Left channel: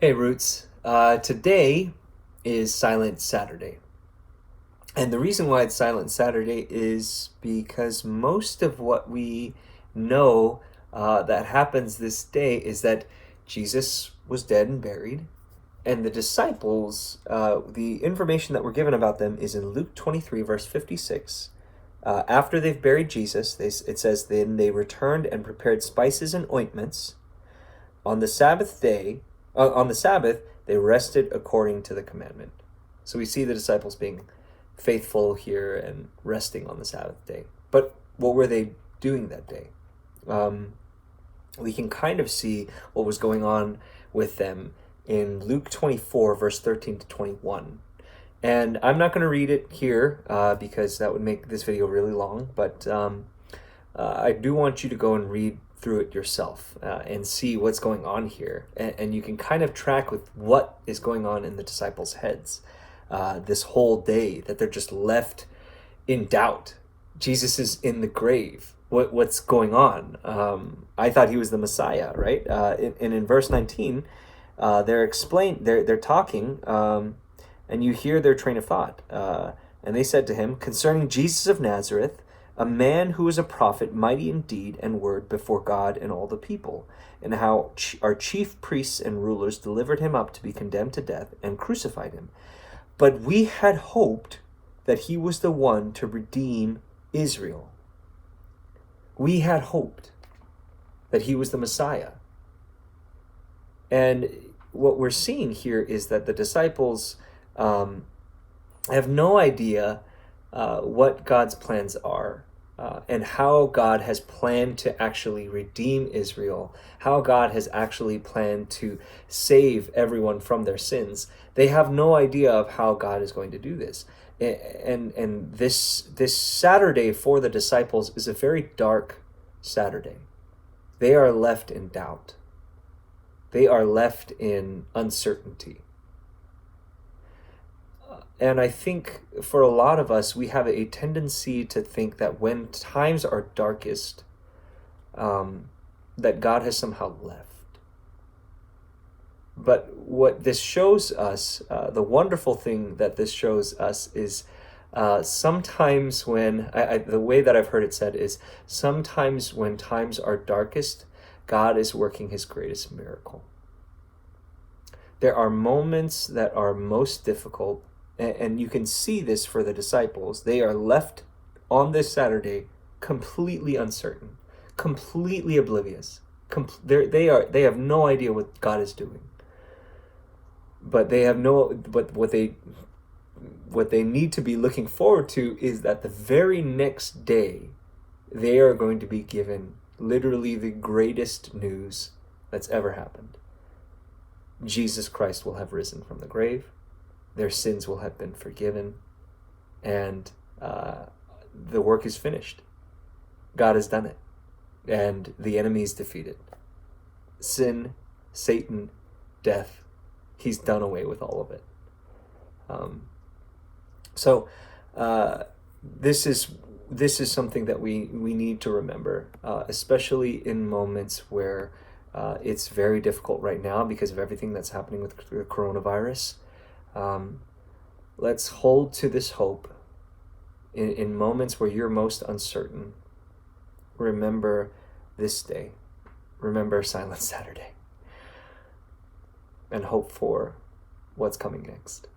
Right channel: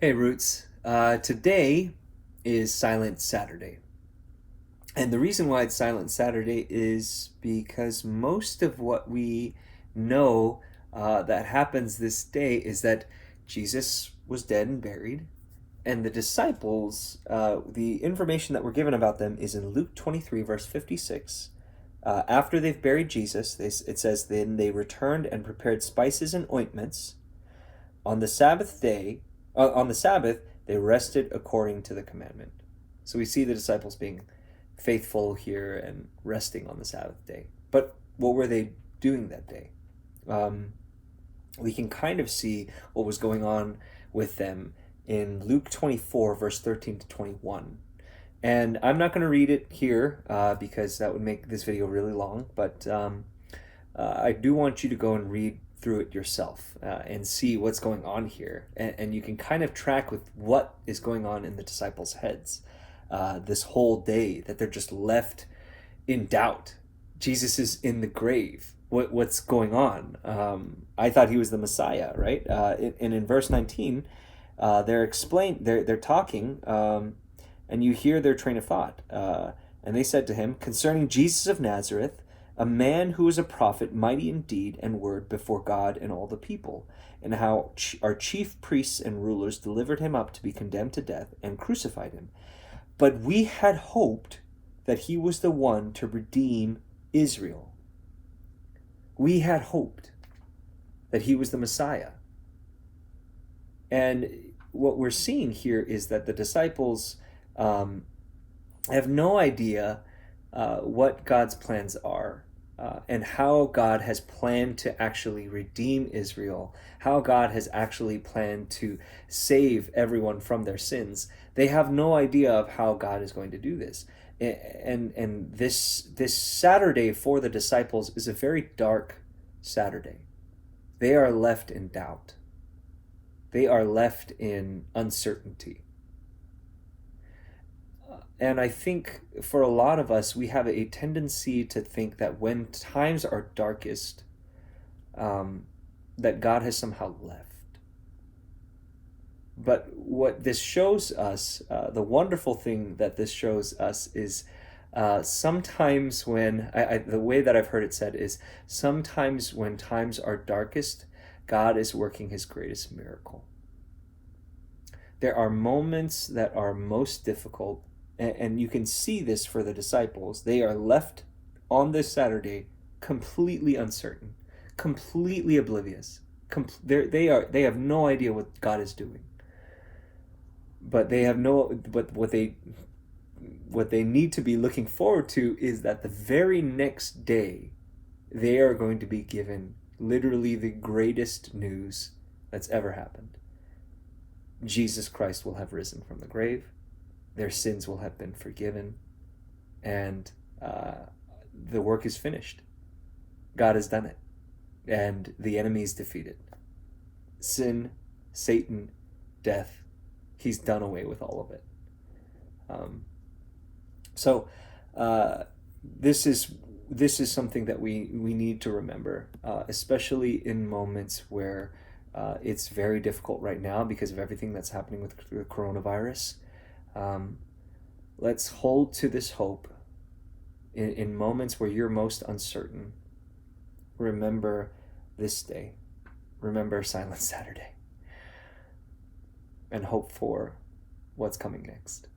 Hey, Roots. Today is Silent Saturday. And the reason why it's Silent Saturday is because most of what we know that happens this day is that Jesus was dead and buried. And the disciples, the information that we're given about them is in Luke 23, verse 56. After they've buried Jesus, it says, then they returned and prepared spices and ointments. On the Sabbath day, on the Sabbath, they rested according to the commandment. So we see the disciples being faithful here and resting on the Sabbath day. But what were they doing that day? We can kind of see what was going on with them in Luke 24, verse 13 to 21. And I'm not going to read it here because that would make this video really long, but I do want you to go and read through it yourself and see what's going on here. And you can kind of track with what is going on in the disciples' heads this whole day, that they're just left in doubt. Jesus is in the grave. What's going on? I thought he was the Messiah, right? And in verse 19, they're talking, and you hear their train of thought. And they said to him, concerning Jesus of Nazareth, a man who is a prophet, mighty in deed and word before God and all the people, and how our chief priests and rulers delivered him up to be condemned to death and crucified him. But we had hoped that he was the one to redeem Israel. We had hoped that he was the Messiah. And what we're seeing here is that the disciples have no idea what God's plans are. And how God has planned to actually redeem Israel, how God has actually planned to save everyone from their sins. They have no idea of how God is going to do this. And this Saturday for the disciples is a very dark Saturday. They are left in doubt. They are left in uncertainty. And I think for a lot of us, we have a tendency to think that when times are darkest, that God has somehow left. But what this shows us, the wonderful thing that this shows us is sometimes when, the way that I've heard it said is, sometimes when times are darkest, God is working his greatest miracle. There are moments that are most difficult, and you can see this for the disciples. They are left on this Saturday completely uncertain, completely oblivious. They have no idea what God is doing. But what they need to be looking forward to is that the very next day they are going to be given literally the greatest news that's ever happened. Jesus Christ will have risen from the grave. Their sins will have been forgiven, and the work is finished. God has done it, and the enemy is defeated. Sin, Satan, death, he's done away with all of it. So this is something that we need to remember, especially in moments where it's very difficult right now because of everything that's happening with the coronavirus. Let's hold to this hope in moments where you're most uncertain. Remember this day. Remember Silent Saturday. And hope for what's coming next.